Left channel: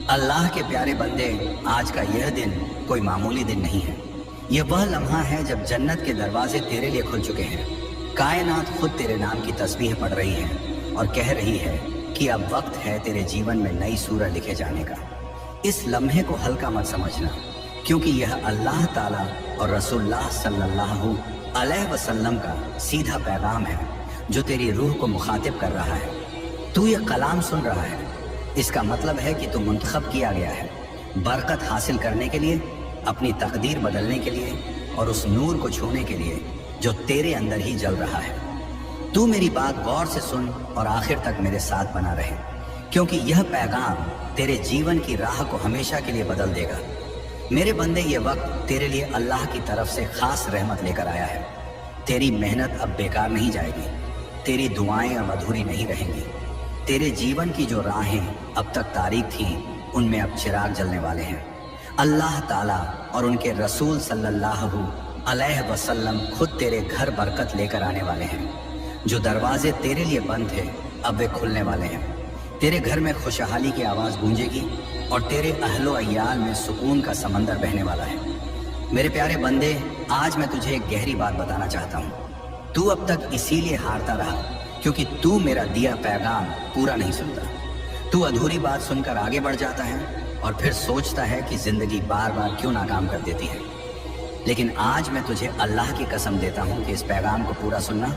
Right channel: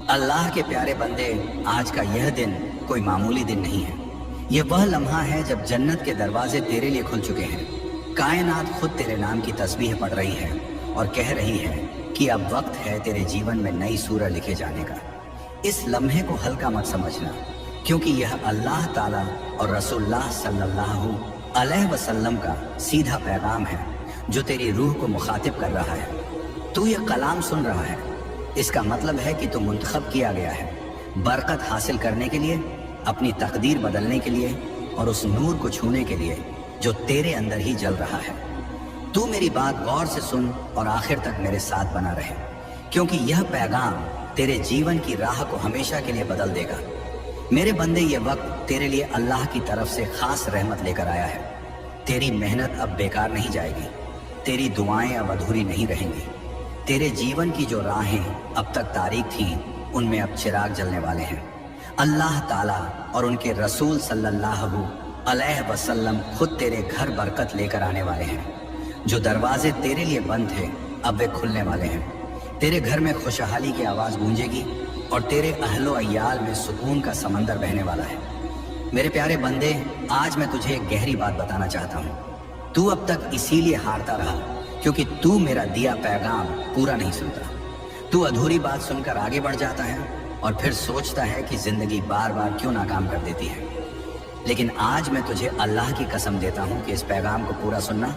अल्लाह के प्यारे बंदे, आज का यह दिन कोई मामूली दिन नहीं है। यह वह लम्हा है जब जन्नत के दरवाजे तेरे लिए खुल चुके हैं। कायनात खुद तेरे नाम की तस्बीह पढ़ रही है और कह रही है कि अब वक्त है तेरे जीवन में नई सूरत लिखे जाने का। इस लम्हे को हल्का मत समझना, क्योंकि यह अल्लाह ताला और रसूलुल्लाह सल्लल्लाहु अलैहि वसल्लम का सीधा पैगाम है जो तेरी रूह को मुखातिब कर रहा है। तू यह कलाम सुन रहा है, इसका मतलब है कि तू मुंतखब किया गया है बरकत हासिल करने के लिए, अपनी तकदीर बदलने के लिए और उस नूर को छूने के लिए जो तेरे अंदर ही जल रहा है। तू मेरी बात गौर से सुन और आखिर तक मेरे साथ बना रहे, क्योंकि यह पैगाम तेरे जीवन की राह को हमेशा के लिए बदल देगा। मेरे बंदे, ये वक्त तेरे लिए अल्लाह की तरफ से खास रहमत लेकर आया है। तेरी मेहनत अब बेकार नहीं जाएगी, तेरी दुआएं अब अधूरी नहीं रहेंगी। तेरे जीवन की जो राहें अब तक तारीक थीं, उनमें अब चिराग जलने वाले हैं। अल्लाह ताला और उनके रसूल सल्लल्लाहु अलैहि वसल्लम खुद तेरे घर बरकत लेकर आने वाले हैं। जो दरवाजे तेरे लिए बंद थे, अब वे खुलने वाले हैं। तेरे घर में खुशहाली की आवाज़ गूंजेगी और तेरे अहलो अय्याल में सुकून का समंदर बहने वाला है। मेरे प्यारे बंदे, आज मैं तुझे एक गहरी बात बताना चाहता हूँ। तू अब तक इसीलिए हारता रहा क्योंकि तू मेरा दिया पैगाम पूरा नहीं सुनता। तू अधूरी बात सुनकर आगे बढ़ जाता है और फिर सोचता है कि जिंदगी बार बार क्यों नाकाम कर देती है। लेकिन आज मैं तुझे अल्लाह की कसम देता हूँ कि इस पैगाम को पूरा सुनना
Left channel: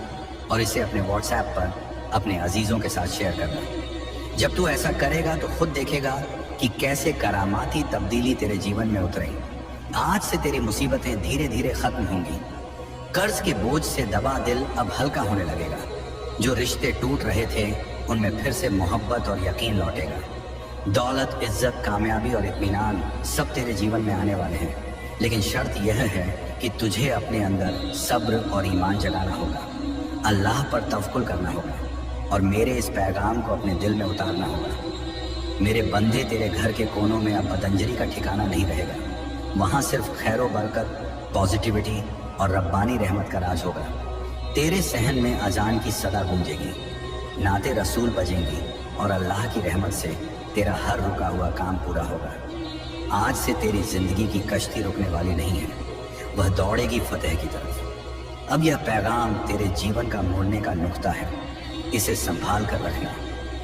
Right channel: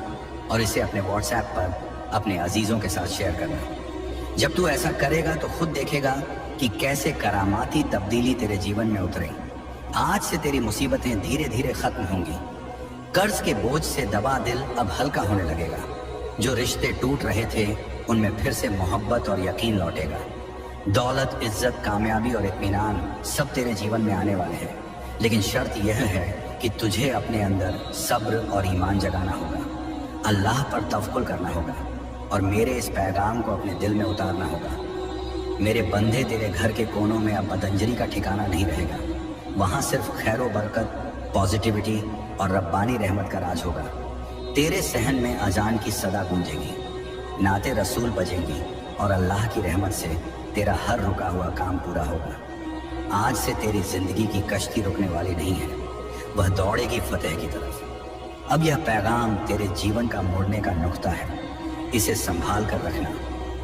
और इसे अपने व्हाट्सएप पर अपने अजीजों के साथ शेयर करना। जब तू ऐसा करेगा तो खुद देखेगा कि कैसे करामाती तब्दीली तेरे जीवन में उतरेगी। आज से तेरी मुसीबतें धीरे धीरे खत्म होंगी। कर्ज के बोझ से दबा दिल अब हल्का होने लगेगा। जो रिश्ते टूट रहे थे, उनमें फिर से मोहब्बत और यकीन लौटेगा। दौलत, इज्जत, कामयाबी और इत्मीनान सब तेरे जीवन में आने वाले हैं। लेकिन शर्त यह है कि तुझे अपने अंदर सब्र और ईमान जगाना होगा, अल्लाह पर तवक्कुल करना होगा और मेरे इस पैगाम को अपने दिल में उतारना होगा। मेरे बंदे, तेरे घर के कोनों में अब पतंजलि का ठिकाना नहीं रहेगा। वहाँ सिर्फ खैर बरकत, पॉजिटिविटी और रब्बानी रहमत का राज होगा। तेरे सहन में अजान की सदा गूंजेगी, नाते रसूल बजेंगी और अल्लाह की रहमत से तेरा हर रुका हुआ काम पूरा होगा। आज से तेरी जिंदगी की कश्ती रुकने वाली नहीं है, वह दौड़ेगी फतेह की तरफ। अब यह पैगाम तेरे जीवन का मोड़ने का नुक्ता है। इसे संभाल कर रखना,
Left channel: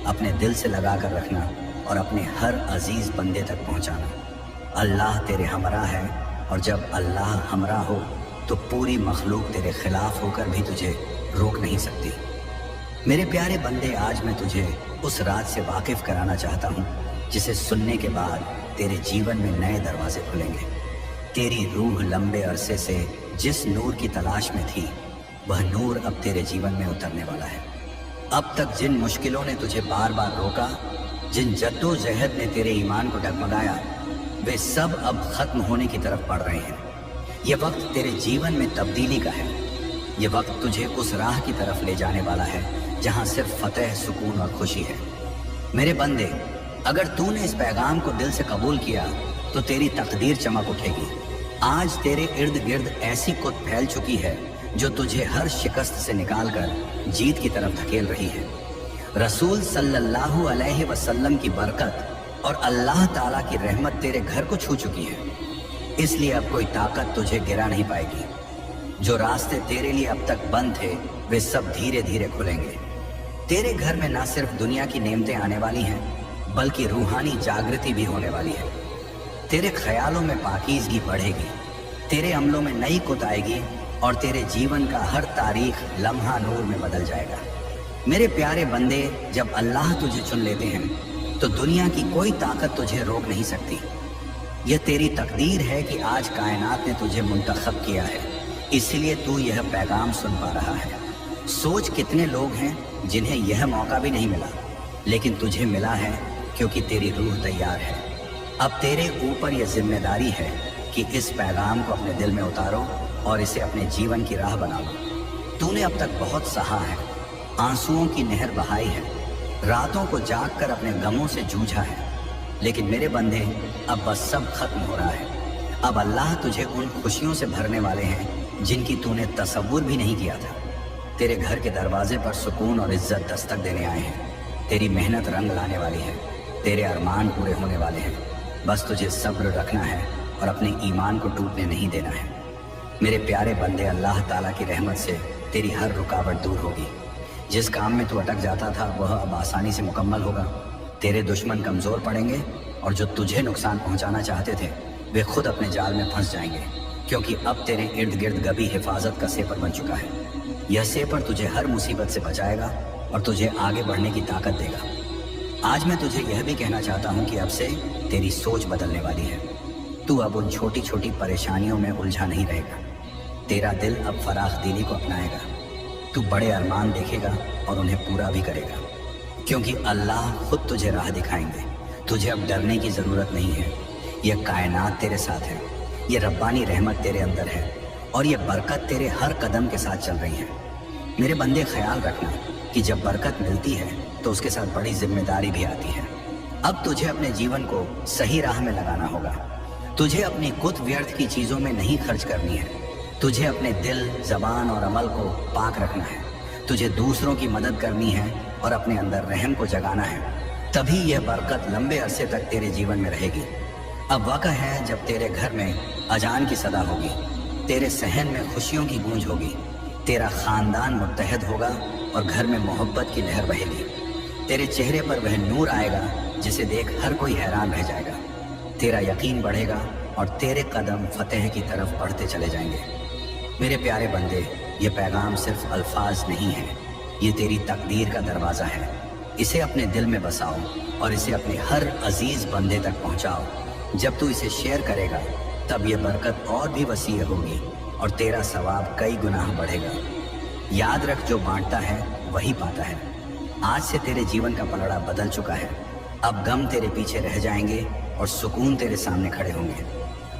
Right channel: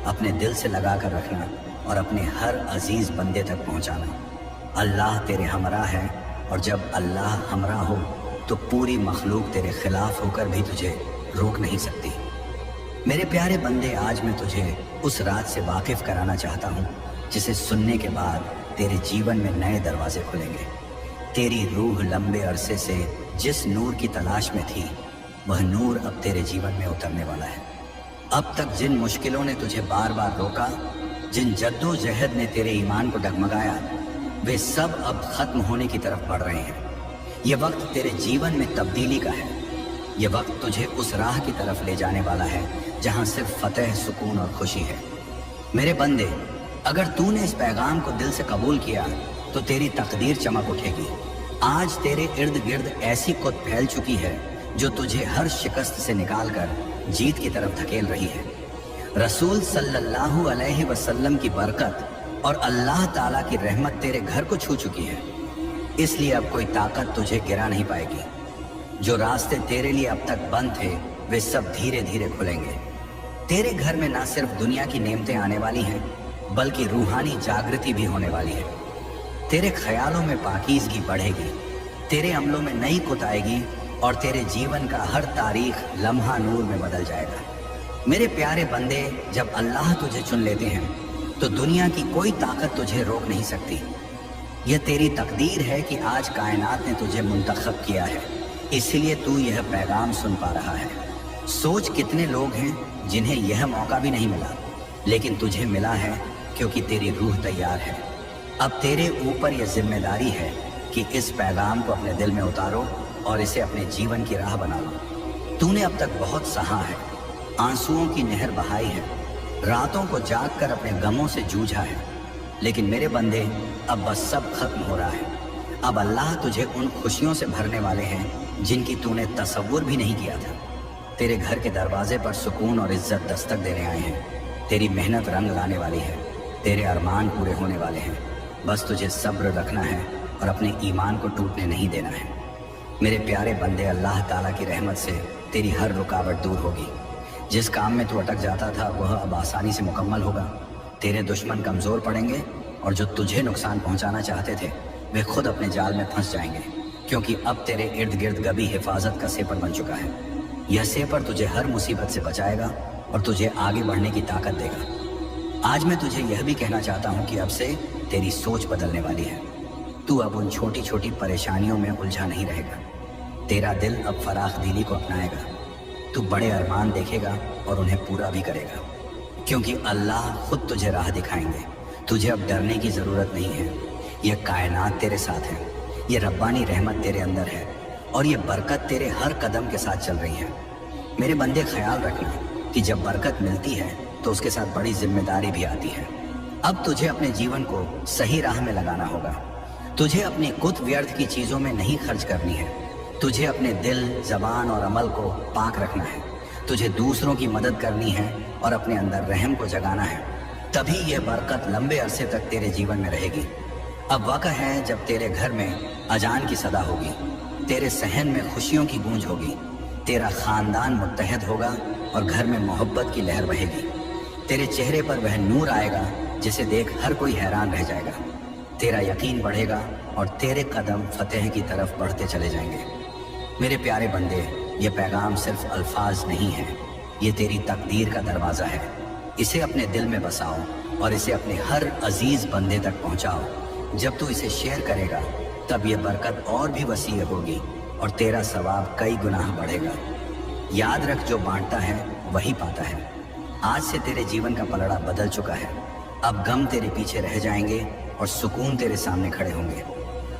अपने दिल से लगा कर रखना और अपने हर अजीज बंदे तक पहुंचाना। अल्लाह तेरे हमरा है और जब अल्लाह हमरा हो तो पूरी मखलूक तेरे खिलाफ होकर भी तुझे रोक नहीं सकती। मेरे प्यारे बंदे, आज मैं तुझे उस रात से वाकिफ कराना चाहता हूँ जिसे सुनने के बाद तेरे जीवन में नए दरवाजे खुलेंगे। तेरी रूह लंबे अरसे से जिस नूर की तलाश में थी, वह नूर अब तेरे जीवन में उतरने वाला है। अब तक जिन मुश्किलों ने तुझे बार बार रोका, जिन जद्दोजहद ने तेरे ईमान को डगमगाया, वे सब अब खत्म होने की तरफ बढ़ रहे हैं। ये वक्त तेरे जीवन में तब्दीली का है। ये वक्त तुझे उस राह की तरफ ले जाने वाला है जहां सिर्फ फतेह, सुकून और खुशी है। मेरे बंदे, अगर तूने इस पैगाम को दिल से कबूल किया तो तेरी तकदीर चमक उठेगी। आज तेरे इर्द गिर्द ऐसी कुत फैल चुकी है जो तुझे हर शिकस्त से निकालकर जीत की तरफ धकेल रही है। रसूल सल्लल्लाहु अलैहि वसल्लम की बरकत और अल्लाह ताला की रहमत तेरे घर को छू चुकी है, इसलिए अब कोई ताकत तुझे गिरा नहीं पाएगी। जो रास्ते तेरे लिए अब तक बंद थे, वे सब धीरे धीरे खुलेंगे। तेरे घर में न सिर्फ दुनिया की नेमतें आने वाली हैं, बल्कि रूहानी जागृति भी होने वाली है। तेरे ख्यालों में पाकीज़गी बढ़ेगी, तेरे अमलों में नई कुत आएगी और तेरे जीवन का हर तारीख लम्हा नूर में बदल जाएगा। मेरे प्यारे बंदे, जब अल्लाह तुझे चुन लेते हैं तो दुनिया की कोई ताकत तुझे रोक नहीं सकती। यह तेरी तकदीर है कि आज कायनात ने तुझे मुंतखब किया है, इसलिए तू यह पैगाम सुन पा रहा है। सोच कितने लोग हैं जिन्हें यह मौका भी नहीं मिला, लेकिन तुझे मिला है क्योंकि तेरी रूह तैयार है। अब तेरे ऊपर यह जिम्मेदारी है कि इस पैगाम को अपने दिल में उतारो और इसे अपने जीवन की राह बनाओ। तूने अब तक बहुत सहा है, आंसुओं की नहर बहाई है, रातों को जाग कर अपने गमों से जूझा है, लेकिन मेरे बंदे, अब बस सब खत्म हो रहा है। अब अल्लाह तुझे उन खुशियों से भरने वाले हैं जिनकी तूने तसव्वुर भी नहीं किया था। तेरे घर के दरवाजे पर सुकून और इज्जत दस्तक देने आए हैं। तेरी मेहनत रंग लाने वाली है। तेरे अरमान पूरे होने वाले हैं। बस तुझे सब्र रखना है और अपने ईमान को टूटने नहीं देना है। मेरे प्यारे बंदे, अल्लाह ताला की रहमत से तेरी हर रुकावट दूर होगी। जिस काम में तू अटक जाता था वह अब आसानी से मुकम्मल होगा। तेरे दुश्मन कमज़ोर पड़ेंगे और जो तुझे नुकसान पहुंचाना चाहते थे वे खुद अपने जाल में फंस जाएंगे, क्योंकि अब तेरे इर्द गिर्द गबी हिफाजत का सेपर बन चुका है। यह सेपर तुझे हर मुसीबत से बचाएगा और तुझे आगे बढ़ने की ताकत देगा। आज मैं तुझे यह भी कहना चाहता हूँ कि अब से तेरी सोच बदलने वाली है। तू अब उन छोटी छोटी परेशानियों में उलझा नहीं रहेगा। तेरा दिल अब फराख दिली को अपनाएगा। तू बड़े अरमान देखेगा और उन्हें पूरा भी करेगा, क्योंकि अल्लाह खुद तुझे राह दिखाएंगे। तुझे अब डरने की ज़रूरत नहीं है। यह कायनात तेरे साथ है, ये रब्बानी रहमत तेरे अंदर है और ये बरकत तेरे हर कदम के साथ चल रही है। मेरे बंदे, ख्याल रखना कि जब बरकत मिलती है तो उसके साथ बड़ी जिम्मेदारी भी आती है। अब तुझे अपने जीवन को सही राह में लगाना होगा। तुझे अपनी कुत व्यर्थ की चीज़ों में नहीं खर्च करनी है। तुझे अपने दिल, जबान और अमल को पाक रखना है। तुझे दूसरों की मदद करनी है और अपने अंदर रहम को जगाना है। तभी यह बरकत लंबे अरसे तक तेरे जीवन में रहेगी। अब वक्त है जब तेरे घर में अजान की सदा होगी, तेरे सहन में खुशियों की गूंज होगी, तेरा खानदान मुत्तहद होगा और घर में मोहब्बत की लहर बहेगी। तेरे चेहरे पर वह नूर आएगा जिसे देख हर कोई हैरान रह जाएगा। तेरा यकीन बढ़ेगा और तेरे कदम फतेह की तरफ बढ़ते चले जाएंगे। मेरे प्यारे बंदे, ये पैगाम सिर्फ अल्फाज नहीं है, ये तेरी तकदीर का दरवाज़ा है। इसे अपने दिल में बसाओ और इसे अपने हर अजीज बंदे तक पहुंचाओ। जब तू इसे शेयर करेगा तब ये बरकत और भी वसीह होगी और तेरा सवाब कई गुनाह बढ़ेगा। याद रख, जो बांटता है वही पाता है। आज से तेरे जीवन का पलड़ा बदल चुका है। अब गम तेरे पीछे रह जाएंगे और सुकून तेरे सामने खड़े होंगे।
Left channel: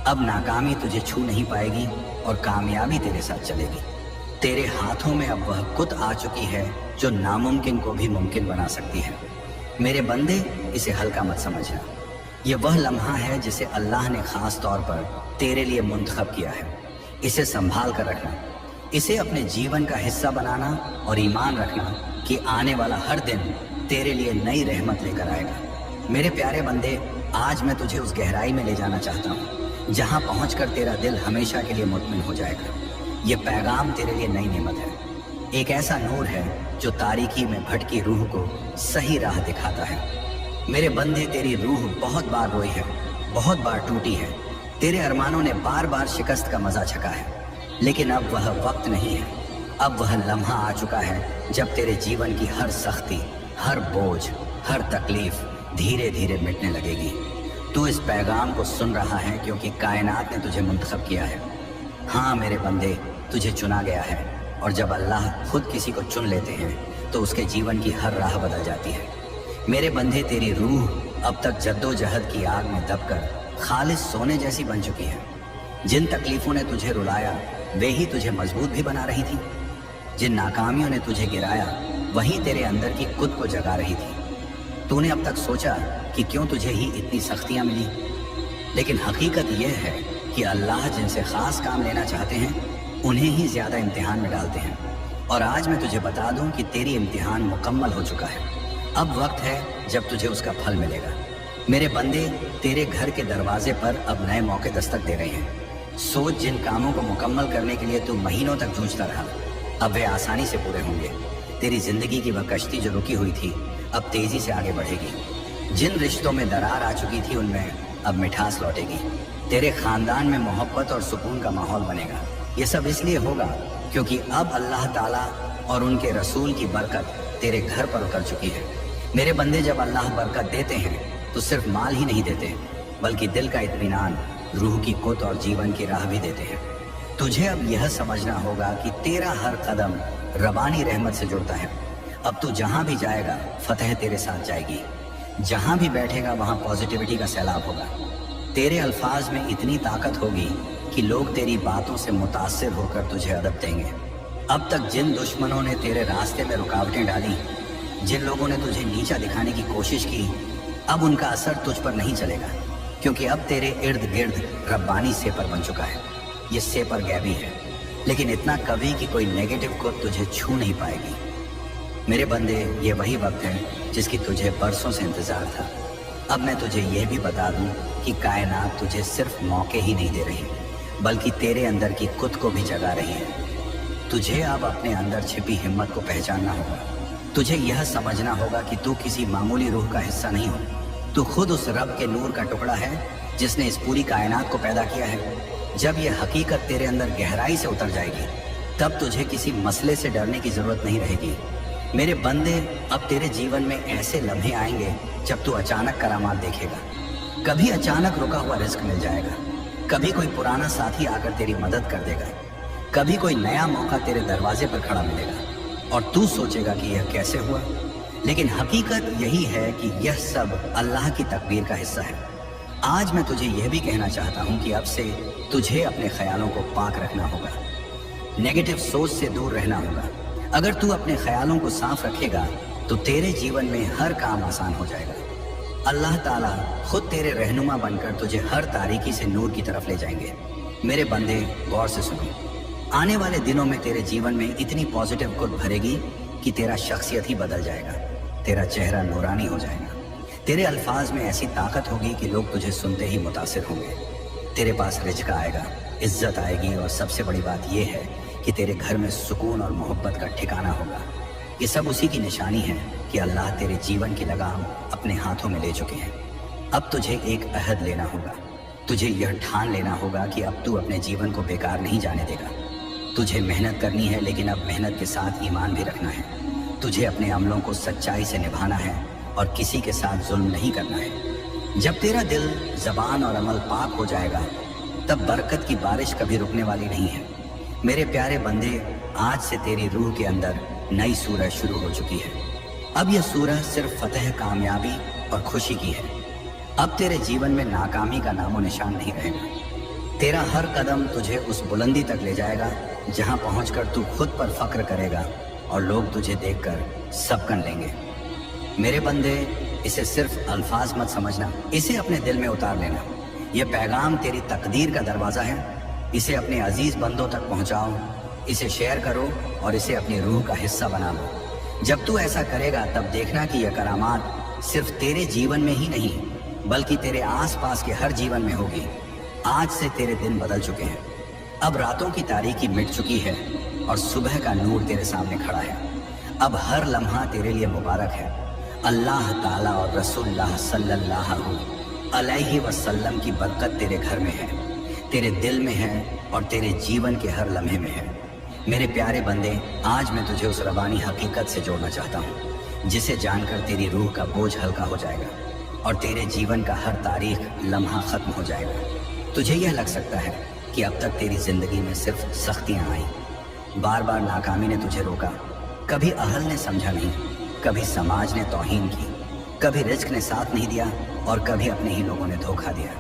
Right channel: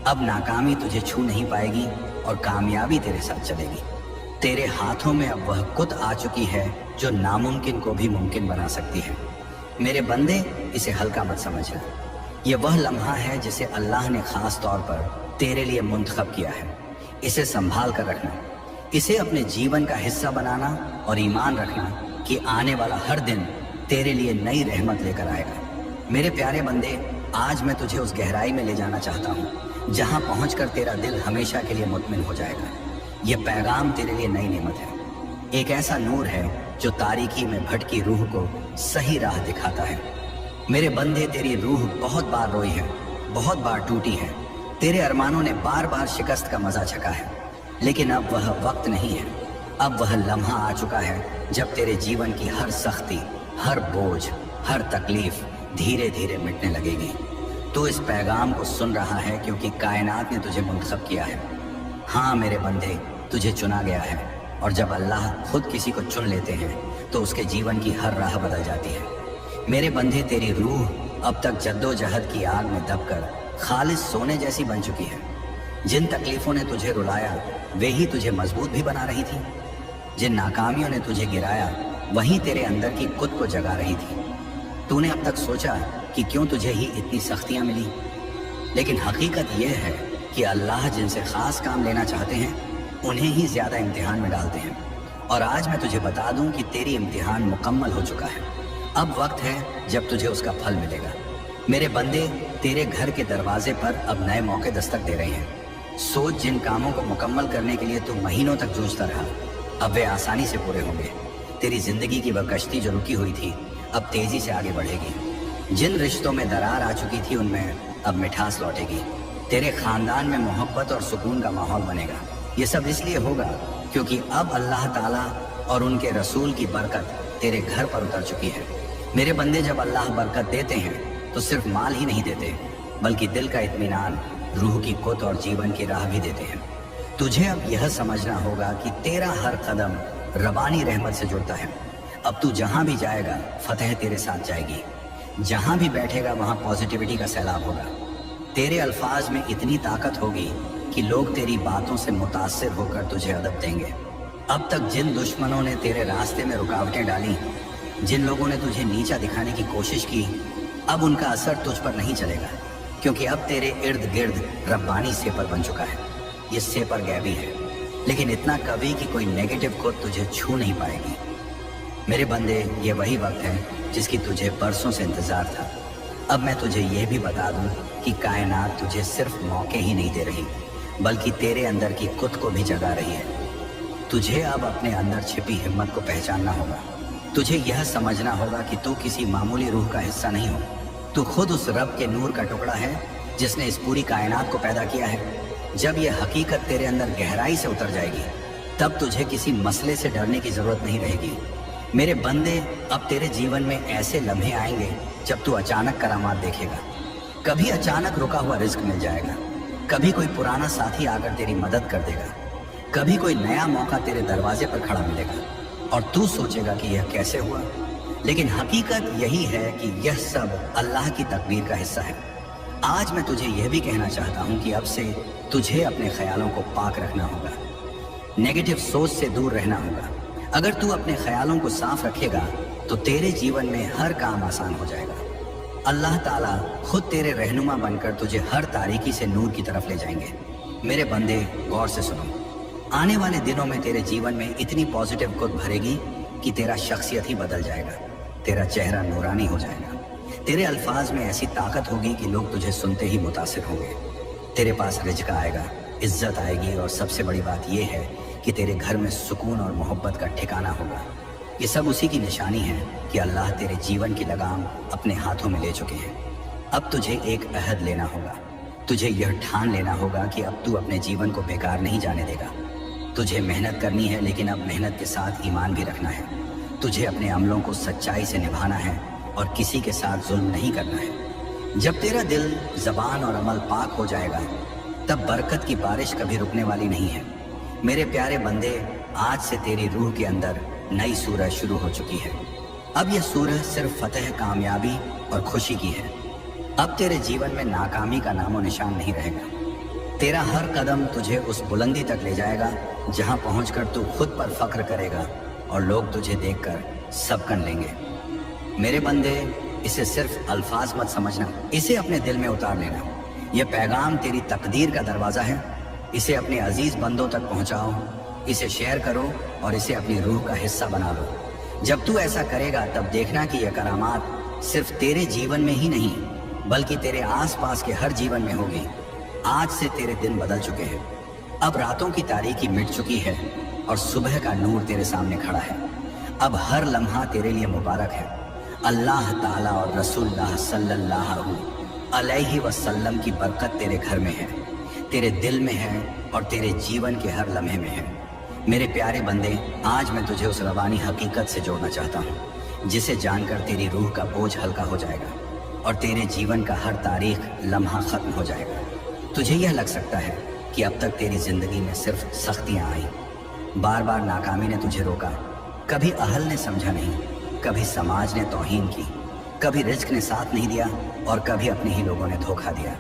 अब नाकामी तुझे छू नहीं पाएगी और कामयाबी तेरे साथ चलेगी। तेरे हाथों में अब वह कुत आ चुकी है जो नामुमकिन को भी मुमकिन बना सकती है। मेरे बंदे, इसे हल्का मत समझना। यह वह लम्हा है जिसे अल्लाह ने खास तौर पर तेरे लिए मुंतखब किया है। इसे संभाल कर रखना, इसे अपने जीवन का हिस्सा बनाना और ईमान रखना कि आने वाला हर दिन तेरे लिए नई रहमत लेकर आएगा। मेरे प्यारे बंदे, आज मैं तुझे उस गहराई में ले जाना चाहता हूँ जहाँ पहुँचकर तेरा दिल हमेशा के लिए मुतमिन हो जाएगा। यह पैगाम तेरे लिए नई नेमत है, एक ऐसा नूर है जो तारीकी में भटकी रूह को सही राह दिखाता है। मेरे बंदे, तेरी रूह बहुत बार रोई है, बहुत बार टूटी है। तेरे अरमानों ने बार बार शिकस्त का मजा चखा है, लेकिन अब वह वक्त नहीं है। अब वह लम्हा आ चुका है जब तेरे जीवन की हर सख्ती, हर बोझ, हर तकलीफ धीरे धीरे मिटने लगेगी। तो इस पैगाम को सुन रहा है क्योंकि कायनात ने तुझे मुंतखब किया है। हाँ मेरे बंदे, तुझे चुना गया है और जब अल्लाह खुद किसी को चुन लेते हैं तो उसके जीवन की हर राह बदल जाती है। मेरे बंदे, तेरी रूह अब तक जद्दोजहद की आग में दबकर खालिस सोने जैसी बन चुकी है। जिन तकलीफों ने तुझे रुलाया वे ही तुझे मजबूत भी बना रही थी। जिन नाकामियों ने तुझे गिराया वही तेरे अंदर की खुद को जगा रही थी। तूने अब तक सोचा कि क्यों तुझे ही इतनी सख्तियां मिली, लेकिन हकीकत यह है कि अल्लाह जिनसे खास काम लेना चाहते हैं उन्हें ही ज्यादा इम्तिहान में डालते हैं। और आज मैं तुझे बता दूं कि तेरी इम्तिहान मुकम्मल हो चुका है। अब वक्त है जब तुझे उसका फल मिलेगा। मेरे बंदे, तेरे घर के दरवाजे पर अब नए मौके दस्तक दे रहे हैं। सोच, जिन कामों को मुकम्मल करने के लिए तू महीनों तक जूझता रहा अब वे आसानी से पूरे होंगे। तेरी जिंदगी की वह कश्ती जो रुकी हुई थी अब तेजी से आगे बढ़ेगी। जिन रिश्तों में दरार आ चुकी थी उनमें अब मिठास लौटेगी। तेरे खानदान में मोहब्बत और सुकून का माहौल बनेगा। ये सब इसलिए होगा क्योंकि अब अल्लाह ताला और उनके रसूल की बरकत तेरे घर पर उतर चुकी है। मेरे बंदे, जब अल्लाह बरकत देते हैं तो सिर्फ माल ही नहीं देते बल्कि दिल का इत्मीनान, रूह की कुत और जीवन की राह भी देते हैं। तुझे अब यह समझना होगा कि तेरा हर कदम रबानी रहमत से जुड़ता है। अब तू जहां भी जाएगा फतेह तेरे साथ जाएगी। जहां भी बैठेगा वहां पॉजिटिविटी का सैलाब होगा। तेरे अल्फाज में इतनी ताकत होगी कि लोग तेरी बातों से मुतासिर होकर तुझे अदब देंगे। अब तक जिन दुश्मनों ने तेरे रास्ते में रुकावटें डाली, जिन लोगों ने तुझे नीचा दिखाने की कोशिश की, अब उनका असर तुझ पर नहीं चलेगा क्योंकि अब तेरे इर्द गिर्द रब्बानी सेपर बन चुका है। ये सेपर गैबी है, लेकिन इतना कभी कि कोई नेगेटिव को तुझे छू नहीं पाएगी। मेरे बंदे, ये वही वक्त है जिसकी तुझे बरसों से इंतजार था। अब मैं तुझे ये भी बता दूं कि कायनात तुझे सिर्फ मौके ही नहीं दे रही, बल्कि तेरे अंदर की खुद को भी जगा रही है। तुझे अब अपने अंदर छिपी हिम्मत को पहचानना होगा। तुझे यह समझना होगा कि तू किसी मामूली रूह का हिस्सा नहीं हो। तू खुद उस रब के नूर का टुकड़ा है जिसने इस पूरी कायनात को पैदा किया है। जब यह हकीकत तेरे अंदर गहराई से उतर जाएगी, तब तुझे किसी मसले से डरने की जरूरत नहीं रहेगी। मेरे बंदे, अब तेरे जीवन में ऐसे लम्हे आएंगे जब तू अचानक करामात देखेगा। कभी अचानक रुका हुआ रिस्क मिल जाएगा, कभी कोई पुराना साथी आकर तेरी मदद कर देगा, कभी कोई नया मौका तेरे दरवाजे पर खड़ा मिलेगा और तू सोचेगा कि यह कैसे हुआ। लेकिन हकीकत यही है कि यह सब अल्लाह की तकदीर का हिस्सा है। आज मैं तुझे यह भी कहना चाहता हूं कि अब से तुझे अपने ख्यालों को पाक रखना होगा, नेगेटिव सोच से दूर रहना होगा। अगर तू अपने ख्यालों को साफ रखेगा तो तेरे जीवन में हर काम आसान हो जाएगा। अल्लाह ताला खुद तेरे रहनुमा बनकर तुझे हर तारीकी से नूर की तरफ ले जाएंगे। मेरे बंदे, गौर से सुनो। आने वाले दिनों में तेरे जीवन में इतनी पॉजिटिव खुद भरेगी कि तेरा शख्सियत ही बदल जाएगा, तेरा चेहरा नूरानी हो जाएगा। तेरे अल्फाज में ऐसी ताकत होगी कि लोग तुझे सुनते ही मुतासिर होंगे। तेरे पास रिज़्क़ आएगा, इज्जत आएगी और सबसे बड़ी बात यह है कि तेरे घर में सुकून और मोहब्बत का ठिकाना होगा। ये सब उसी की निशानी है कि अल्लाह तेरे जीवन की लगाम अपने हाथों में ले चुके हैं। अब तुझे एक अहद लेना होगा। तुझे यह ठान लेना होगा कि अब तू अपने जीवन को बेकार नहीं जाने देगा। तुझे मेहनत करनी है, लेकिन अब मेहनत के साथ ईमान भी रखना है। तुझे अपने अमलों को सच्चाई से निभाना है और किसी के साथ जुल्म नहीं करना है। जब तेरा दिल, ज़बान और अमल पाक हो जाएगा, तब बरकत की बारिश कभी रुकने वाली नहीं है। मेरे प्यारे बंदे, आज से तेरी रूह के अंदर नई सूरह शुरू हो चुकी है। अब यह सूरह सिर्फ फतह, कामयाबी और खुशी की है। अब तेरे जीवन में नाकामी का नामो निशान नहीं रहेगा। तेरा हर कदम तुझे उस बुलंदी तक ले जाएगा जहां पहुंचकर तू खुद पर फख्र करेगा और लोग तुझे देखकर सब कर लेंगे। मेरे बंदे, इसे सिर्फ अल्फाज मत समझना, इसे अपने दिल में उतार लेना। यह पैगाम तेरी तकदीर का दरवाजा है। इसे अपने अजीज बंदों तक पहुंचाओ, इसे शेयर करो और इसे अपनी रूह का हिस्सा बना लो। जब तू ऐसा करेगा तब देखना कि यह करामात सिर्फ तेरे जीवन में ही नहीं बल्कि तेरे आसपास के हर जीवन में होगी। आज से तेरे दिन बदल चुके हैं। अब रातों की तारीकी मिट चुकी है और सुबह का नूर तेरे सामने खड़ा है। अब हर लम्हा तेरे लिए मुबारक है। अल्लाह ताला और रसूलुल्लाह सल्लल्लाहु अलैहि वसल्लम की बरकत तेरे घर में है, तेरे दिल में है और तेरे जीवन के हर लम्हे में है। मेरे प्यारे बंदे, आज मैं तुझे उस रवानी हकीकत से जोड़ना चाहता हूँ जिसे जानकर तेरी रूह का बोझ हल्का हो जाएगा और तेरे जीवन का हर तारीख लम्हा खत्म हो जाएगा। तुझे यह लग सकता है कि अब तक तेरी जिंदगी में सिर्फ सख्तियाँ आई, बार बार नाकामी ने तुझे रोका, कभी अहल ने समझा नहीं, कभी समाज ने तौहीन की, कभी रिस्क ने साथ नहीं दिया और कभी अपने ही लोगों ने धोखा दिया।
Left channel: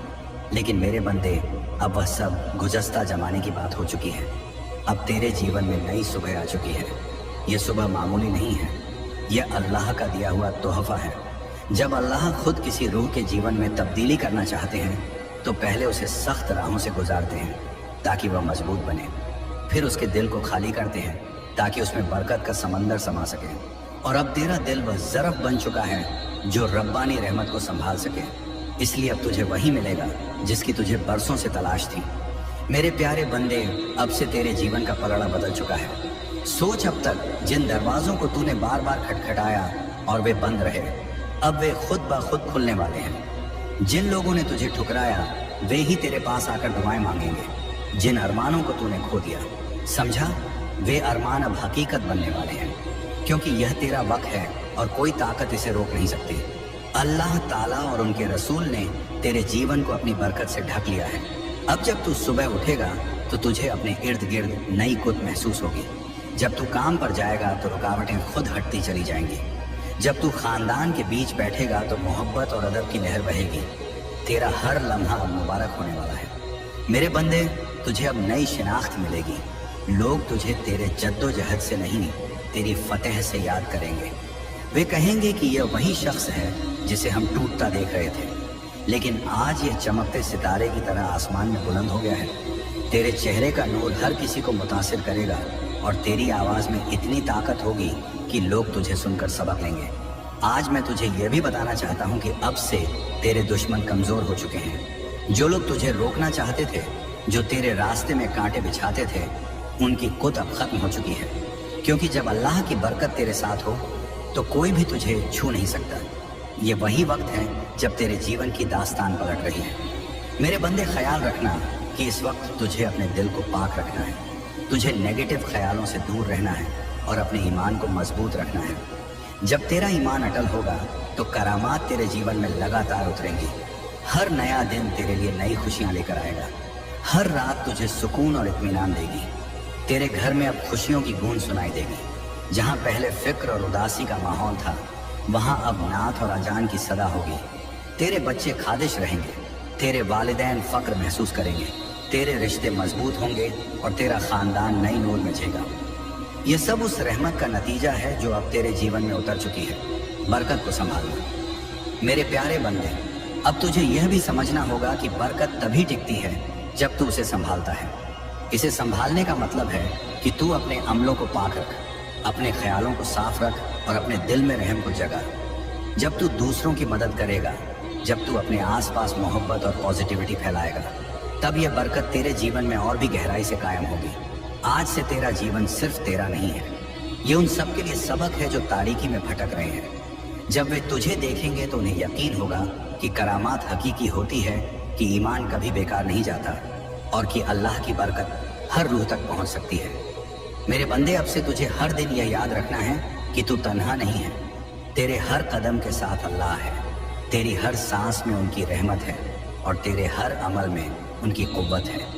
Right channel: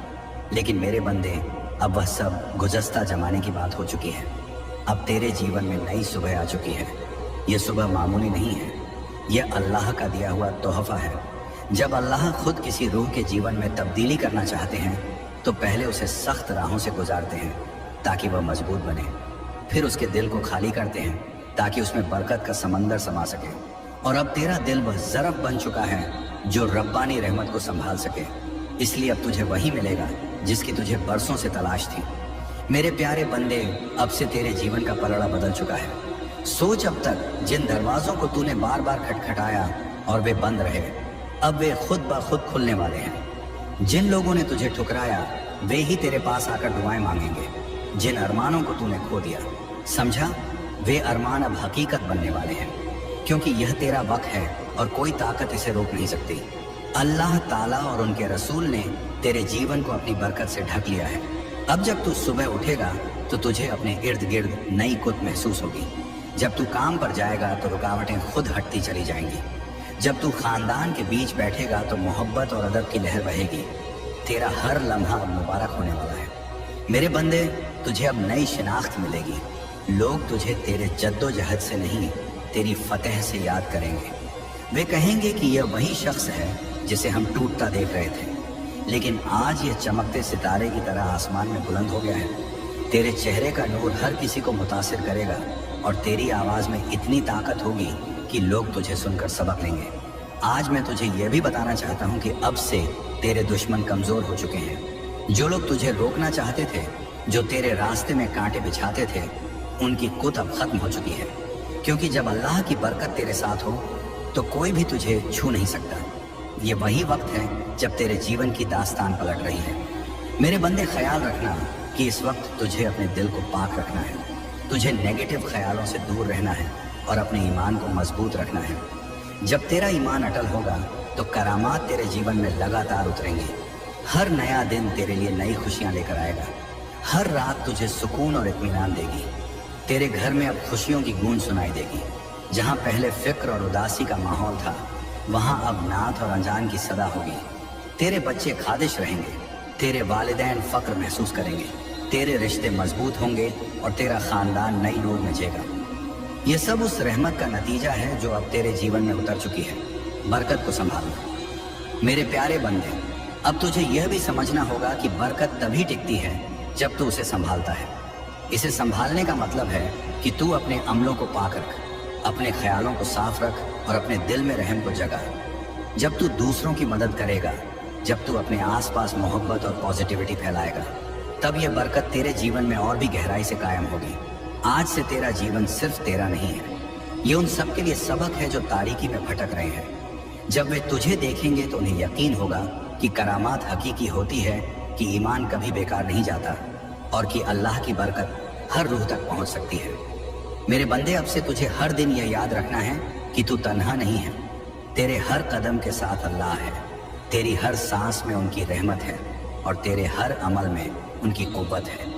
लेकिन मेरे बंदे, अब वह सब गुज़श्ता जमाने की बात हो चुकी है। अब तेरे जीवन में नई सुबह आ चुकी है। यह सुबह मामूली नहीं है, यह अल्लाह का दिया हुआ तोहफा है। जब अल्लाह खुद किसी रूह के जीवन में तब्दीली करना चाहते हैं तो पहले उसे सख्त राहों से गुजारते हैं ताकि वह मजबूत बने। फिर उसके दिल को खाली करते हैं ताकि उसमें बरकत का समंदर समा सके। और अब तेरा दिल वह ज़रफ़ बन चुका है जो रब्बानी रहमत को संभाल सके। इसलिए अब तुझे वही मिलेगा जिसकी तुझे बरसों से तलाश थी। मेरे प्यारे बंदे, अब से तेरे जीवन का पलड़ा बदल चुका है। सोच, अब तक जिन दरवाज़ों को तूने बार बार खटखटाया और वे बंद रहे, अब वे खुद ब खुद खुलने वाले हैं। जिन लोगों ने तुझे ठुकराया वे ही तेरे पास आकर दुआएं मांगेंगे। जिन अरमानों को तूने खो दिया, समझा, वे अरमान अब हकीकत बनने वाले हैं, क्योंकि यह तेरा वक्त है और कोई ताकत इसे रोक नहीं सकती। अल्लाह ताला और उनके रसूल ने तेरे जीवन को अपनी बरकत से ढक लिया है। अब जब तू सुबह उठेगा तो तुझे अपने इर्द गिर्द नई खुद महसूस होगी। जब तू काम पर जाएगा तो रुकावटें खुद हटती चली जाएंगी। जब तू खानदान के बीच बैठेगा तो मोहब्बत और अदब की लहर बहेगी। तेरा हर लम्हा अब मुबारक होने वाला है। मेरे बंदे, तुझे अब नई शिनाख्त मिलेगी। लोग तुझे तेरे जद्दोजहद से नहीं, तेरी फतह से याद करेंगे। वे कहेंगे कि यह वही शख्स है जिसे हम टूटता देख रहे थे, लेकिन आज यह चमकते सितारे की तरह आसमान में बुलंद हो गया है। तेरे चेहरे का नूर हर किसी को मुतासिर करेगा और तेरी आवाज़ में इतनी ताकत होगी कि लोग तुझे सुनकर सबक लेंगे। आज मैं तुझे यह भी बताना चाहता हूँ कि अब से तेरे दुश्मन कमजोर हो चुके हैं। जो लोग तुझे रोकना चाहते थे, जो तेरे रास्ते में कांटे बिछाते थे, उनकी कुत अब खत्म हो चुकी है। क्योंकि जब अल्लाह की बरकत तेरे साथ हो तो कोई भी तुझे छू नहीं सकता। ये वही वक्त है जब तेरे जीवन की दास्तान पलट रही है। मेरे बंदे, ख्याल रखना कि इस वक्त तुझे अपने दिल को पाक रखना है। तुझे नेगेटिव ख्यालों से दूर रहना है और अपने ईमान को मजबूत रखना है। जब तेरा ईमान अटल होगा तो करामात तेरे जीवन में लगातार उतरेंगी। हर नया दिन तेरे लिए नई खुशियां लेकर आएगा। हर रात तुझे सुकून और इत्मीनान देगी। तेरे घर में अब खुशियों की गूंज सुनाई देगी। जहां पहले फिक्र और उदासी का माहौल था, वहां अब नात और अजान की सदा होगी। तेरे बच्चे खादिश रहेंगे, तेरे वालिदैन फक्र महसूस करेंगे, तेरे रिश्ते मजबूत होंगे और तेरा खानदान नई नूर मचेगा। ये सब उस रहमत का नतीजा है जो अब तेरे जीवन में उतर चुकी है। बरकत को संभालना। मेरे प्यारे बंदे, अब तुझे यह भी समझना होगा कि बरकत तभी टिकती है जब तू उसे संभालता है। इसे संभालने का मतलब है कि तू अपने अमलों को पाक रख, अपने ख्यालों को साफ रख और अपने दिल में रहम को जगा। जब तू दूसरों की मदद करेगा, जब तू अपने आसपास मोहब्बत और पॉजिटिविटी फैलाएगा, तब यह बरकत तेरे जीवन में और भी गहराई से कायम होगी। आज से तेरा जीवन सिर्फ तेरा नहीं है, ये उन सब के लिए सबक है जो तारीकी में भटक रहे हैं। जब वे तुझे देखेंगे तो उन्हें यकीन होगा कि करामात हकीकी होती है, कि ईमान कभी बेकार नहीं जाता और कि अल्लाह की बरकत हर रूह तक पहुंच सकती है। मेरे बंदे, अब से तुझे हर दिन यह याद रखना है कि तू तन्हा नहीं है। तेरे हर कदम के साथ अल्लाह है, तेरी हर सांस में उनकी रहमत है और तेरे हर अमल में उनकी कुव्वत है।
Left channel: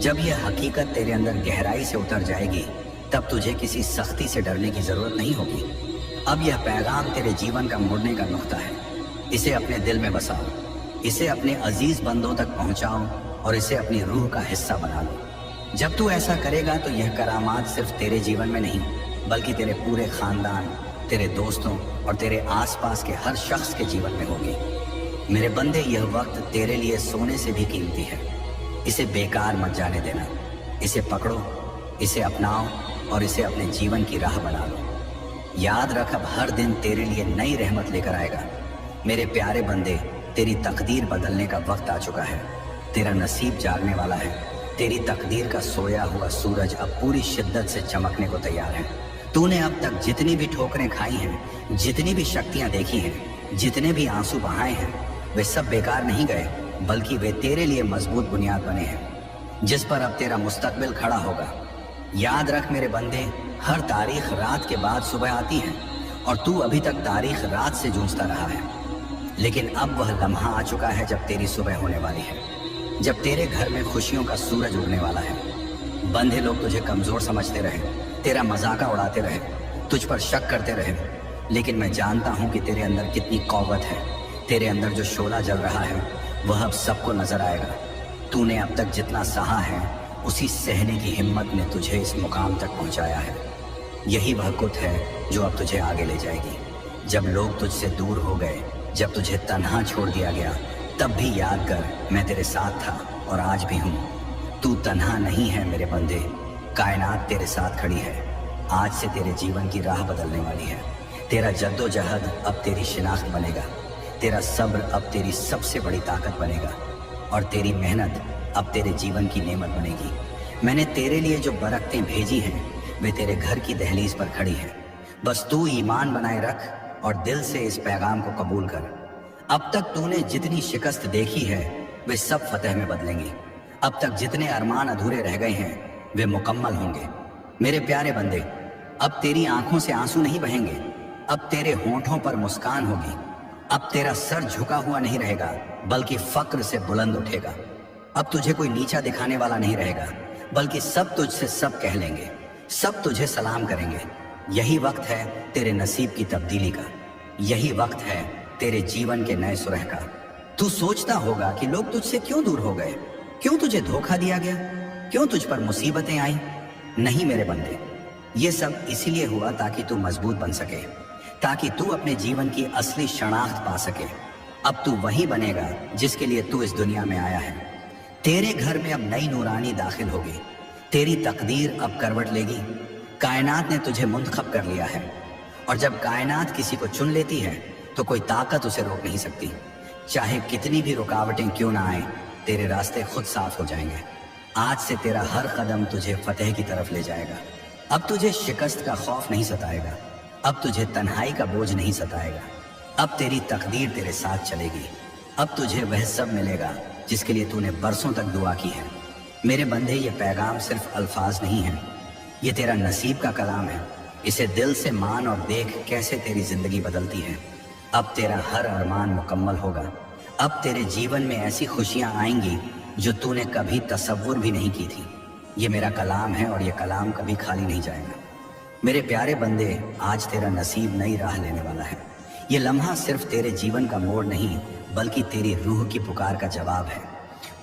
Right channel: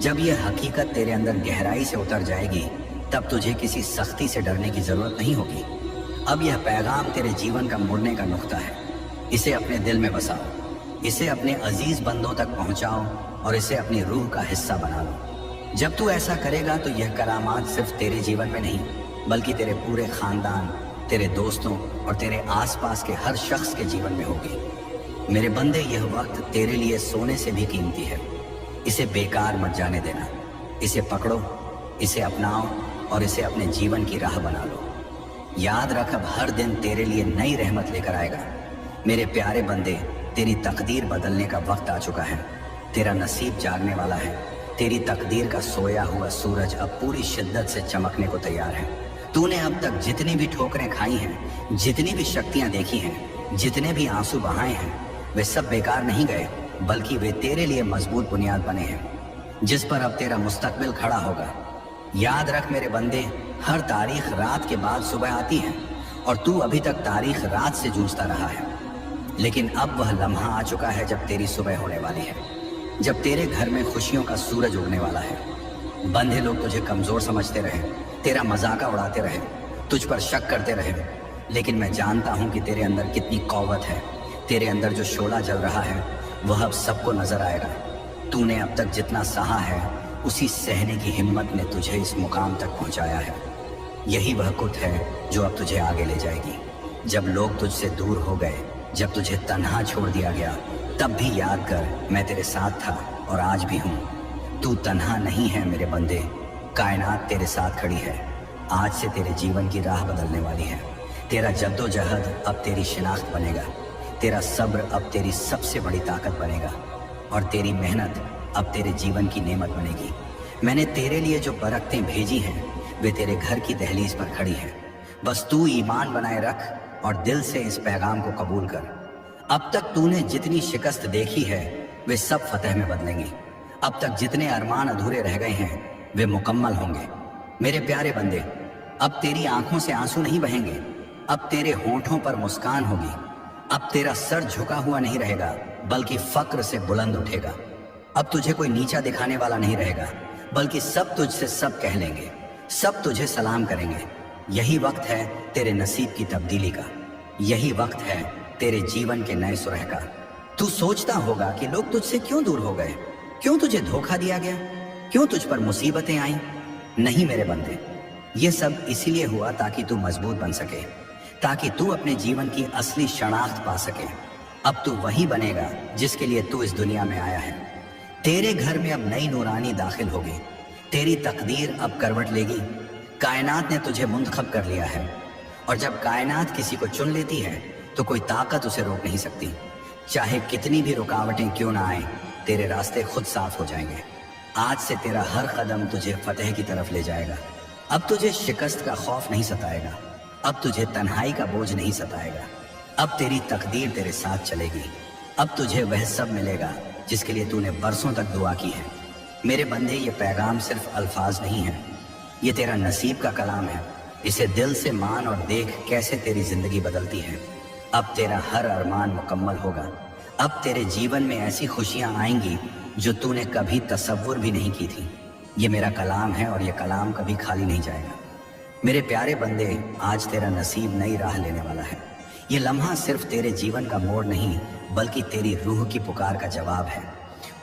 जब यह हकीकत तेरे अंदर गहराई से उतर जाएगी, तब तुझे किसी सख्ती से डरने की जरूरत नहीं होगी। अब यह पैगाम तेरे जीवन का मुड़ने का नुक्ता है। इसे अपने दिल में बसाओ, इसे अपने अजीज बंदों तक पहुंचाओ और इसे अपनी रूह का हिस्सा बना लो। जब तू ऐसा करेगा तो यह करामात सिर्फ तेरे जीवन में नहीं, बल्कि तेरे पूरे खानदान, तेरे दोस्तों और तेरे आसपास के हर शख्स के जीवन में होगी। मेरे बंदे, यह वक्त तेरे लिए सोने से भी कीमती है। इसे बेकार मत जाने देना। इसे पकड़ो, इसे अपनाओ और इसे अपने जीवन की राह बना लो। याद रख, अब हर दिन तेरे लिए नई रहमत लेकर आएगा। मेरे प्यारे बंदे, तेरी तकदीर बदलने का वक्त आ चुका है। तेरा नसीब जागने वाला है। तेरी तकदीर का सोया हुआ सूरज अब पूरी शिद्दत से चमकने को तैयार है। तूने अब तक जितनी भी ठोकरें खाई हैं, जितनी भी शक्तियां देखी हैं, जितने भी आंसू बहाए हैं, वे सब बेकार नहीं गए, बल्कि वे तेरे लिए मजबूत बुनियाद बने हैं, जिस पर अब तेरा मुस्तकबिल खड़ा होगा। याद रख मेरे बंदे, हर तारीख रात के बाद सुबह आती है और तू अभी तक तारीख रात से जूझता रहा है। लेकिन अब वह लम्हा आ चुका है जब तेरी सुबह होने वाली है, जब तेरे घर में खुशियों का सूरज उगने वाला है। बंधे लोग तुझे कमजोर समझते रहे, तेरा मजाका उड़ाते रहे, तुझ पर शक करते रहे, लेकिन मैं जानता हूं कि तेरे अंदर कितनी कौवत है। तेरे अंदर जो शोला जल रहा है वह अब सबको नजर आएगा। तूने अब तक जितना सहा है, उसी सहने की हिम्मत ने तुझे इस मुकाम तक पहुंचाया है। यही वह कुत है जो अब तुझे आगे ले जाएगी। जब लोग तुझसे दूर हो गए, जब तुझे तन्हा छोड़ दिया गया, तब भी याद कर, मैं तेरे साथ था और आज भी हूँ। तू तन्हा नहीं है मेरे बंदे, कायनात तेरे साथ खड़ी है। आज से तेरे जीवन की राह बदलने वाली है। तेरा जद्दोजहद अब तेरी शिनाख्त बनेगा, तेरा सब्र अब तेरी सबसे बड़ी ताकत बनेगा और तेरी मेहनत अब तेरे जीवन की नेमत बनेगी। मैंने तेरे लिए जो बरकतें भेजी हैं, वे तेरे घर की दहलीज पर खड़ी हैं। बस तू ईमान बनाए रख और दिल से इस पैगाम को कबूल कर। अब तक तूने जितनी शिकस्त देखी है, वे सब फतेह में बदलेंगी। अब तक जितने अरमान अधूरे रह गए हैं, वे मुकम्मल होंगे। मेरे प्यारे बंदे, अब तेरी आंखों से आंसू नहीं बहेंगे, अब तेरे होंठों पर मुस्कान होगी। अब तेरा सर झुका हुआ नहीं रहेगा, बल्कि फक्र से बुलंद उठेगा। अब तुझे कोई नीचा दिखाने वाला नहीं रहेगा, बल्कि सब तुझसे सब कह लेंगे, सब तुझे सलाम करेंगे। यही वक्त है तेरे नसीब की तब्दीली का। यही वक्त है तेरे जीवन के नए सुरह का। तू सोचता होगा कि लोग तुझसे क्यों दूर हो गए, क्यों तुझे धोखा दिया गया, क्यों तुझ पर मुसीबतें आई। नहीं मेरे बंदे, ये सब इसीलिए हुआ ताकि तू मजबूत बन सके, ताकि तू अपने जीवन की असली शनाख्त पा सके। अब तू वही बनेगा जिसके लिए तू इस दुनिया में आया है। तेरे घर में अब नई नूरानी दाखिल होगी, तेरी तकदीर अब करवट लेगी। कायनात ने तुझे मुंतखब कर लिया है और जब कायनात किसी को चुन लेती है तो कोई ताकत उसे रोक नहीं सकती। चाहे कितनी भी रुकावटें क्यों ना आए, तेरे रास्ते खुद साफ हो जाएंगे। आज से तेरा हर कदम तुझे फतेह की तरफ ले जाएगा। अब तुझे शिकस्त का खौफ नहीं सताएगा, अब तुझे तन्हाई का बोझ नहीं सताएगा। अब तेरी तकदीर तेरे साथ चलेगी। अब तुझे वह सब मिलेगा जिसके लिए तूने बरसों तक दुआ की है। मेरे बंदे, ये पैगाम सिर्फ अल्फाज नहीं है, ये तेरा नसीब का कलाम है। इसे दिल से मान और देख कैसे तेरी जिंदगी बदलती है। अब तेरा हर अरमान मुकम्मल होगा। अब तेरे जीवन में ऐसी खुशियां आएंगी जो तूने कभी तसव्वुर भी नहीं की थी। ये मेरा कलाम है और ये कलाम कभी खाली नहीं जाएगा। मेरे प्यारे बंदे, आज तेरा नसीब नई राह लेने वाला है। ये लम्हा सिर्फ तेरे जीवन का मोड़ नहीं, बल्कि तेरी रूह की पुकार का जवाब है।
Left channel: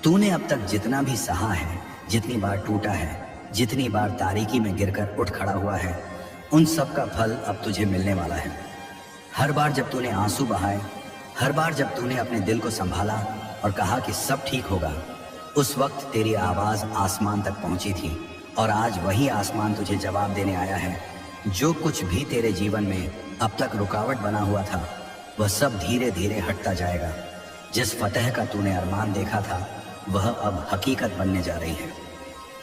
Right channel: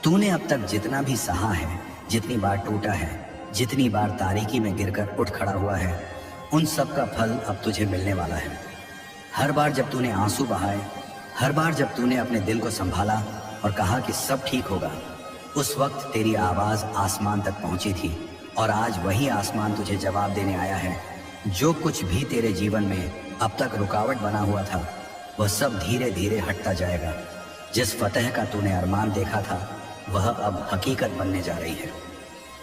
तूने अब तक जितना भी सहा है, जितनी बार टूटा है, जितनी बार तारीकी में गिरकर उठ खड़ा हुआ है, उन सब का फल अब तुझे मिलने वाला है। हर बार जब तूने आंसू बहाए, हर बार जब तूने अपने दिल को संभाला और कहा कि सब ठीक होगा, उस वक्त तेरी आवाज आसमान तक पहुंची थी। और आज वही आसमान तुझे जवाब देने आया है। जो कुछ भी तेरे जीवन में अब तक रुकावट बना हुआ था, वह सब धीरे धीरे हटता जाएगा। जिस फतह का तूने अरमान देखा था, वह अब हकीकत बनने जा रही है।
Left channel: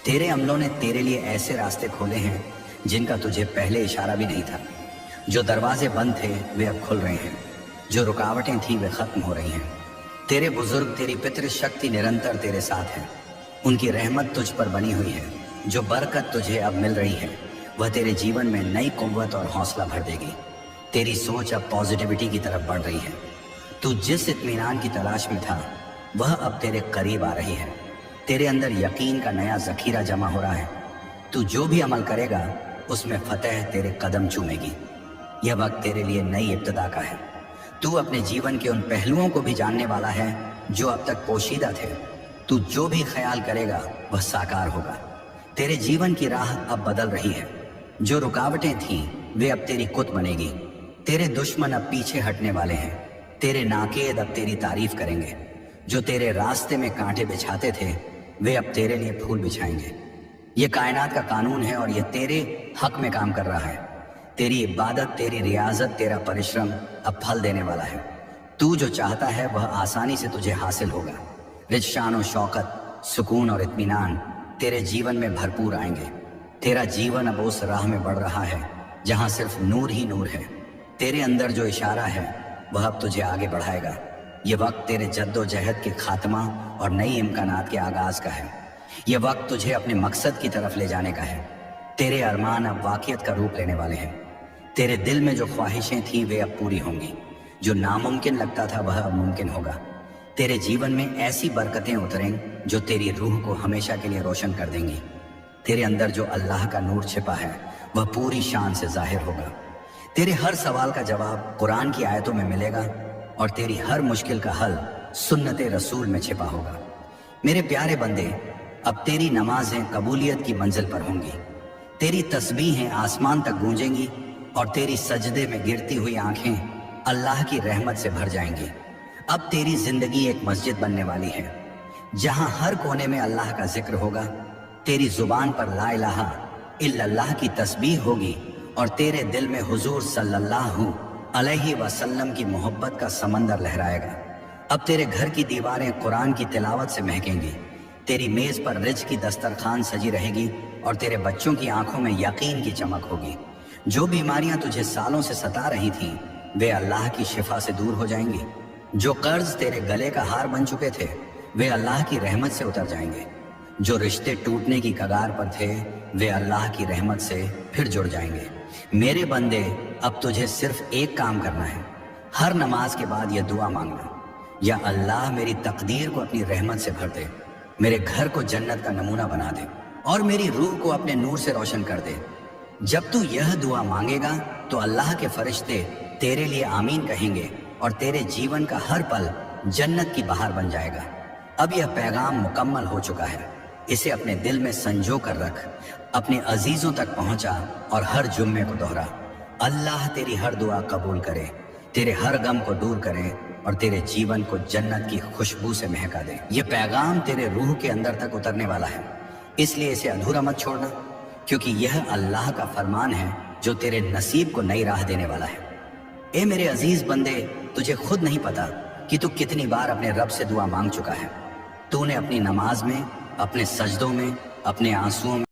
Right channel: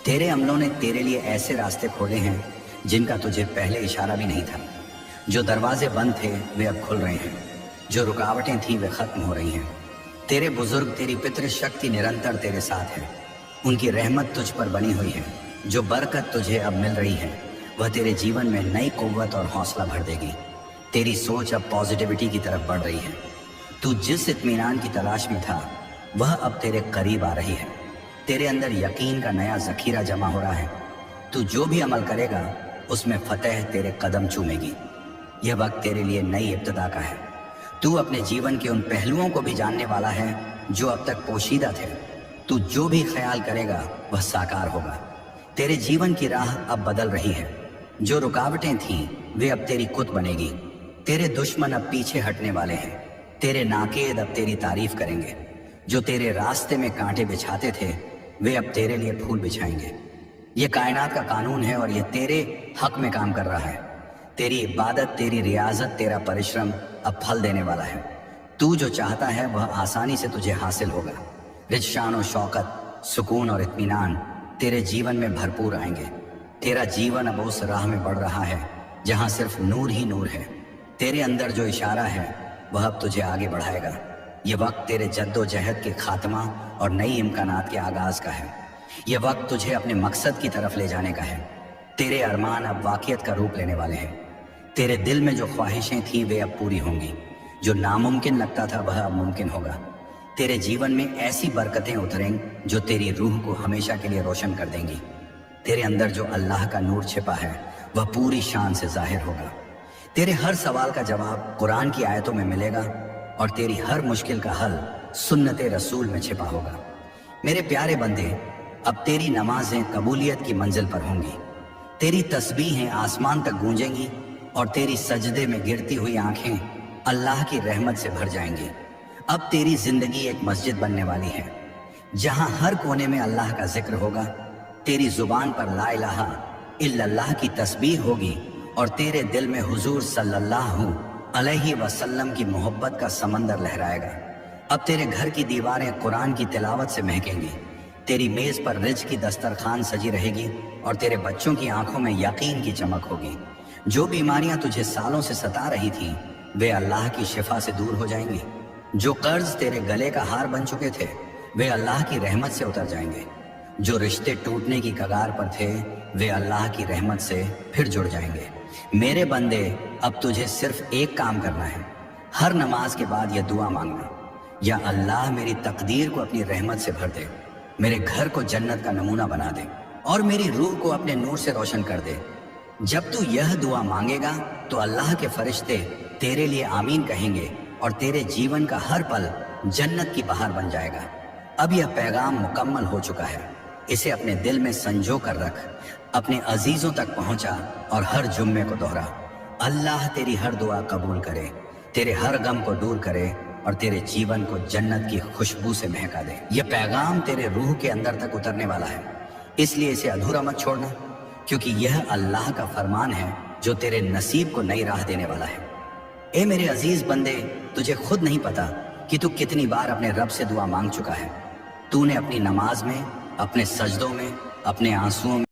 तेरे अमलों ने तेरे लिए ऐसे रास्ते खोले हैं जिनका तुझे पहले इशारा भी नहीं था। जो दरवाजे बंद थे वे अब खुल रहे हैं, जो रुकावटें थी वे खत्म हो रही हैं। तेरे बुजुर्ग, तेरी पितृ शक्ति निरंतर तेरे साथ है। उनकी रहमत तुझ पर बनी हुई है। जो बरकत तुझे अब मिल रही है, वह तेरे जीवन में नई कुव्वत और हौसला भर देगी। तेरी सोच अब पॉजिटिविटी की तरफ बढ़ रही है। तू जिस इत्मीनान की तलाश में था, वह अब तेरे करीब आ रही है। तेरे अंदर यकीन का नया जखीरा जमा हो रहा है। तू जो भी अमल करेगा, उसमें फतेह तेरे कदम चूमेगी। यह वक्त तेरे लिए नई इब्तिदा का है। तू अपने जीवन के उन पहलुओं को भी जानने वाला है जो अब तक पोशीदा थे। तू जो भी ख्याल करेगा, वह साकार होगा। तेरे जीवन की राह अब बदल रही है। जो रुकावटें थीं, वे अब तेरी कुत बनेगी। तेरे दुश्मन अब पीछे हटने वाले हैं। तेरे नाकेद अब तेरी तारीफ करेंगे। जो तेरे रास्ते में कांटे बिछाते थे, वे अब तेरे लिए फूल बिछाएंगे। ये कायनात का कानून है और यह तेरे हक में काम कर रहा है। तेरी इबादत, तेरी रियाजत, तेरा परिश्रम अब फल देने वाला है। तू जो चाहता है वह आसानी से तुझे हासिल होगा। रिज़, शान और शौकत, सुकून और इत्मीनान तेरे जीवन में भरपूर आएंगे। तेरा जीवन अब उस राह में बढ़ रहा है जहां सिर्फ नूर ही नूर है। तेरे अंदर जो इशारा है, वह अब तुझे आगे बढ़ाएगा। यह वक्त तेरे जद्दोजहद के खात्मा और नई इम्कानात के आगाज का है। यह वक्त तुझे अपने मकसद की तरफ ले जाने का है। तेरे अरमान अब वाक़ियत का रूप लेने वाले हैं। तेरे दिल में जो ख्वाहिशें थीं, वे अब पूरी होंगी। जो नामुमकिन लगता था, वह अब मुमकिन होगा। तेरे जीवन में ऐसी बरकतें उतरें जो तेरी रूह को हमेशा के लिए रोशन कर देंगी। तेरे अंदर जो अल्लाह का नूर छिपा है, वह पूरी शान से जाहिर होगा। तेरे हर सवाल का जवाब कुरान की आयतों में मिलेगा और तेरी हर मुश्किल का हल सुन्नते रसूल में छिपा होगा। मेरे प्यारे बंदे, अब तेरी नमाजें कबूलियत की मंजिल पर होंगी। तेरी तस्बीहें आसमान तक गूंजेंगी और तेरी सजदे में गिरती हुई आंखें अल्लाह की रहमत से भर जाएंगी। अब तेरी जिंदगी एक मस्जिद बनने वाली है, जहां हर कोने में अल्लाह का जिक्र होगा। तेरी जुबान पर ला इलाहा इल्लल्लाह की तस्बीह होगी और तेरे दिल में हुजूर सल्लल्लाहु अलैहि वसल्लम की मोहब्बत का समंदर लहराएगा। अब तेरे घर की दीवारें कुरान की तिलावत से महकेंगी। तेरी मेज पर रिज़्क़ की दस्तरखान सजी रहेगी और तेरे बच्चों की आंखों में यकीन की चमक होगी। जो बीमारियां तुझे सालों से सता रही थी, वे अल्लाह की शिफा से दूर हो जाएंगी। जो कर्ज तेरे गले का हार बन चुके थे, वे अल्लाह की रहमत से उतर जाएंगे। जो रिश्ते टूटने की कगार पर थे, वे अल्लाह की रहमत से फिर जुड़ जाएंगे। मेरे बंदे, अब तुझे सिर्फ एक काम करना है। हर नमाज के बाद यह दुआ मांगना, या अल्लाह मेरी तकदीर को अपनी रहमत से भर दे, मेरे घर को जन्नत का नमूना बना दे और मेरी रूह को अपने नूर से रोशन कर दे। जब तू यह दुआ मांगेगा तो अल्लाह के फरिश्ते तेरे लिए आमीन कहेंगे और तेरे जीवन का हर पल जन्नत की बहार बन जाएगा। अब यह पैगाम मुकम्मल हो चुका है। इसे अपने दिल में संजो कर रख, अपने अजीजों तक पहुंचा और हर जुम्मे को दोहरा। अल्लाह तेरी हर दुआ कबूल करे, तेरे हर गम को दूर करे और तेरे जीवन को जन्नत की खुशबू से महका दे। यह पैगाम तेरे रूह के अंदर तक उतरने वाला है, इसलिए इसे अधूरा मत छोड़ना, क्योंकि यह अल्लाह का फरमान है जो तेरे नसीब को नई राह देने वाला है। ए मेरे अजीज बंदे, तुझे खुद नहीं पता कि तू कितनी बार अपने रब से दुआ मांग चुका है। तूने अपनी नमाज में, अपने सजदों में, अपने आंसुओं में